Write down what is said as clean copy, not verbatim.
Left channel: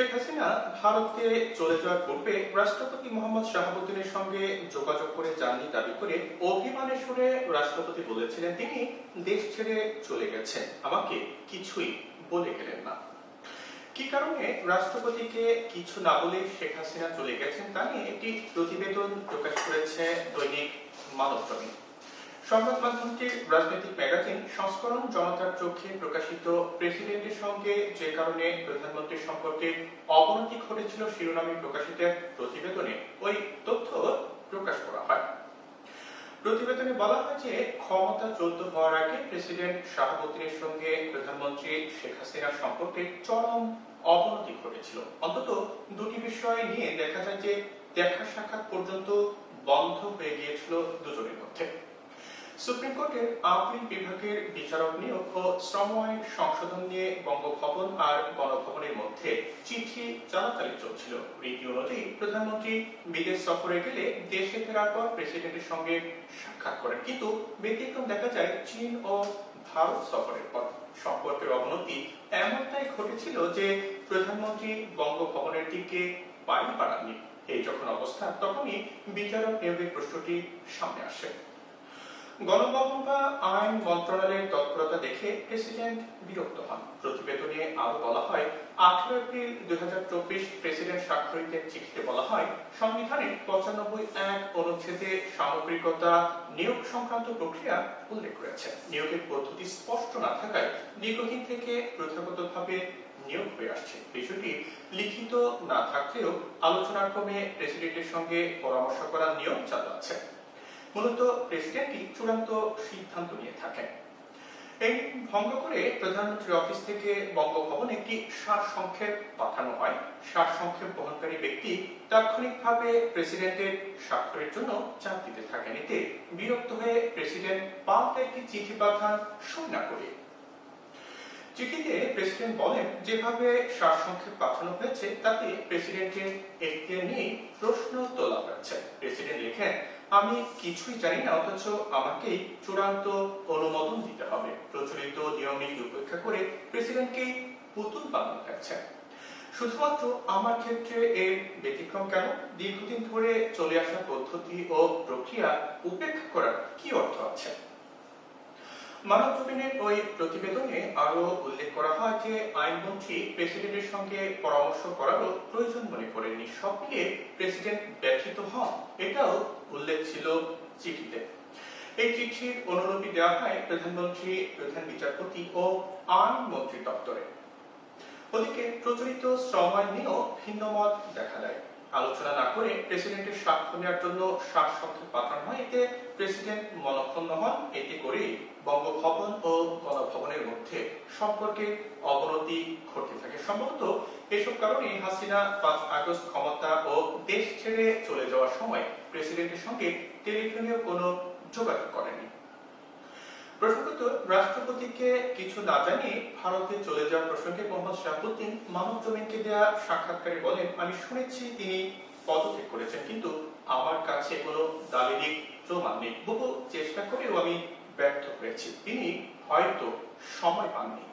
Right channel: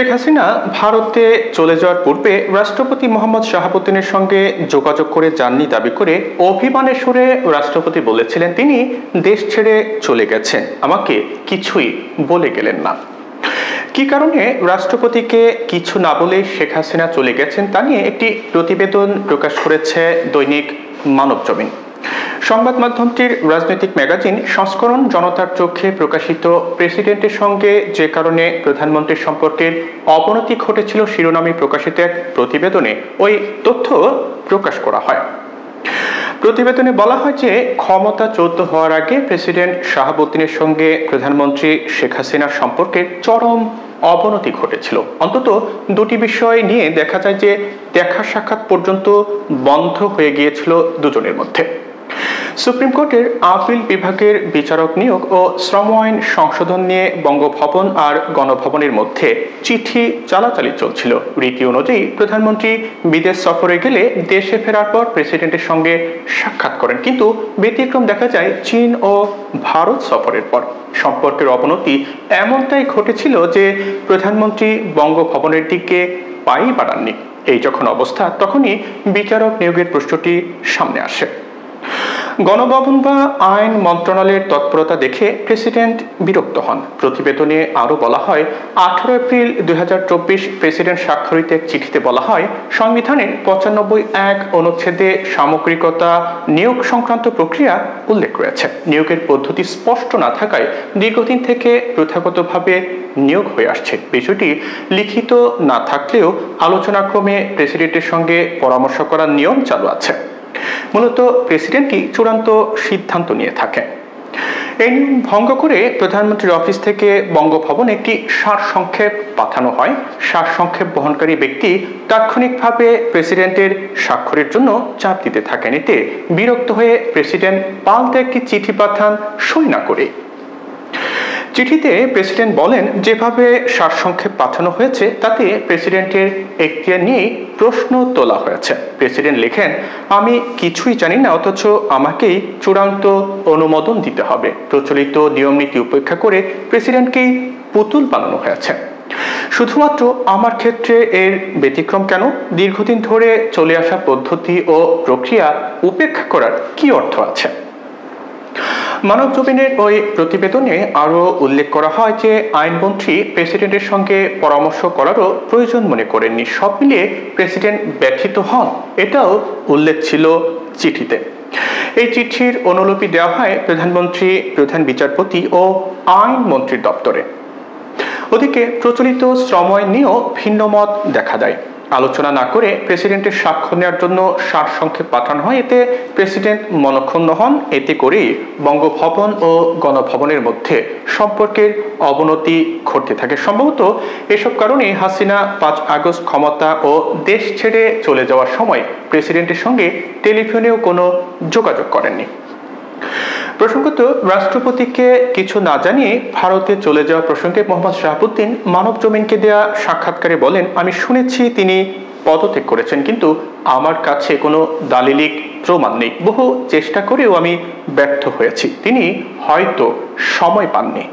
শেখ হাসিনা ভারতে চলে যাওয়ার পূর্বে রাষ্ট্রপতি মোহাম্মদ শাহাবুদ্দিনের সঙ্গে যোগাযোগ করে যাননি দাবি করে অভিমানের সুরে রাষ্ট্রপতি বলেছিলেন তিনি দেশ ছেড়ে চলে গেছেন, আমাকে কিছুই বলে গেলেন না। কি কারণে রাষ্ট্রপতিকে কিছু না বলে শেখ হাসিনা চলে গেছেন তা নিয়ে একটি প্রতিবেদন প্রকাশ করেছে দৈনিক মানবজমিন। সংবাদ মাধ্যমটির রাজনৈতিক ম্যাগাজিন সংস্করণ জনতার চোখে প্রকাশিত প্রেসিডেন্টের সঙ্গে যে কারণে প্রধানমন্ত্রীর সম্পর্কের অবনতি ঘটেছিল শিরোনামে প্রকাশিত এক প্রতিবেদনে ওই তথ্য প্রকাশ করা হয়। প্রতিবেদনে বলা হয় যে ক্ষমতাচ্যুত হওয়ার আগে প্রেসিডেন্ট শাহাবুদ্দিনের সঙ্গে প্রধানমন্ত্রী শেখ হাসিনার সম্পর্কের চরম অবনতি ঘটেছিল। অন্তত দুটি বিষয় নিয়ে দেখা যায় যে দেখা সাক্ষাৎ পর্যন্ত বন্ধ হয়ে গিয়েছিল দুজনের মধ্যে। সুপ্রিম কোর্টের আপিল বিভাগের বিচারক নিয়োগ ও শ্রম আইন সংশোধন নিয়ে বঙ্গভবন আর গণভবনের মধ্যে চিঠি চালাচালি চলছিল। রীতি অনুযায়ী প্রধানমন্ত্রী বিদেশ সফরে গেলে দেশে ফেরার পর প্রেসিডেন্টের সঙ্গে সাক্ষাৎ করেন, কিন্তু ব্যতিক্রম দেখা যায় চীন ও ভারত সফরের পর। সম্পর্কের অবনতি এমনটাই ঘটেছিল যে প্রধানমন্ত্রী বঙ্গভবনের দিকে পাই বাড়াননি। এই যখন অবস্থা, তখনই বিচারক নিয়োগের প্রশ্নটি সামনে আসে। গণভবন বা আইন মন্ত্রণালয়ের তৎপরতা দেখে প্রেসিডেন্ট বিরক্ত হন। প্রতিবেদনে আরও বলা হয়, 18 এপ্রিল 2024 প্রেসিডেন্ট স্বাক্ষরিত এক চিঠিতে বলা হয়, সংবিধানের 95(1) অনুচ্ছেদে সামগ্রিকতা নিয়োগ সংক্রান্ত প্রক্রিয়া উল্লেখ রয়েছে। নিয়োগের পদ্ধতি স্পষ্ট না থাকায় দীর্ঘদিন থেকে প্রথাগতভাবে নিয়োগ হয়ে আসছে। বিষয়টি লিখিত না থাকলেও আলোচনাক্রমে প্রেসিডেন্টের সঙ্গে পরামর্শ করার নিয়ম চালু আছে। মূলত প্রেসিডেন্টই চূড়ান্ত সিদ্ধান্ত নিয়ে থাকেন। এই নিয়ম ভঙ্গ করে প্রধানমন্ত্রীর অফিস থেকে বঙ্গভবনে একটি সারসংক্ষেপ পাঠানো হয়। সারসংক্ষেপ বহনকারী ব্যক্তি তাৎক্ষণিকভাবে প্রেসিডেন্টের স্বাক্ষরের জন্য চাপ দিতে থাকেন। এতে বিরক্ত হয়ে প্রেসিডেন্ট পাল্টা একটি চিঠি পাঠান সই না করে। চিঠিতে প্রেসিডেন্ট বলেন, যেভাবে সারসংক্ষেপ পাঠানো হয়েছে তাতে প্রেসিডেন্টের এখতিয়ার নিয়ে প্রশ্ন তোলা হয়েছে। প্রেসিডেন্ট লেখেন, আমি কিছুই জানি না, অথচ আমাকেই চূড়ান্ত অনুমোদন দিতে হবে। প্রচলিত নিয়ম নীতি উপেক্ষা করে প্রেসিডেন্টকেই পুতুল বানানো হয়েছে। শুধুমাত্র আমার ক্ষেত্রে এর ব্যতিক্রম কেন? দীর্ঘদিন ধরে চলে আসা পদ্ধতি ও প্রক্রিয়া উপেক্ষা করার কি অর্থ আছে? মানবজমিনের ওই প্রতিবেদনে আরও উল্লেখ করা হয় যে আইনমন্ত্রী প্রেসিডেন্টের সঙ্গে পরামর্শ করারও প্রয়োজন মনে করেননি। সব মিলিয়ে প্রেসিডেন্ট ব্যথিত হন, এটাও উল্লেখ ছিল চিঠিতে। এই চিঠির অনুলিপি দেওয়া হয় প্রধানমন্ত্রী, প্রধান বিচারপতি ও আইনমন্ত্রীর দপ্তরে। ওদিকে প্রচলিত শ্রম আইন নিয়েও ভিন্ন মত দেখা যায়। আলোচনা না করে প্রেসিডেন্টের স্বাক্ষর নেওয়ার জন্য সারসংক্ষেপ পাঠানো হয়। এতে প্রেসিডেন্ট মনঃক্ষুণ্ণ হন। এতে করেই বঙ্গভবন ও গণভবনের মধ্যে সম্পর্কের অবনতি ঘটতে থাকে। সম্ভবত এসব কারণে হাসিনা 5 আগস্ট ক্ষমতা ও দেশ ছেড়ে চলে যাওয়ার সময় প্রেসিডেন্টের সঙ্গে টেলিফোনেও কোনো যোগাযোগ করেননি। প্রসঙ্গত, রাষ্ট্রপতিকে কিছু না জানিয়ে ভারতে চলে যাওয়া প্রসঙ্গে মোহাম্মদ শাহাবুদ্দিন মানবজমিনকে দেয়া সাক্ষাৎকারে বলেন, আমি শুনেছি তিনি পদত্যাগ করেছেন, কিন্তু আমার কাছে কোনো দালিলিক প্রমাণ নেই। বহু চেষ্টা করেও আমি ব্যর্থ হয়েছি। তিনি হয়তো সময় পাননি।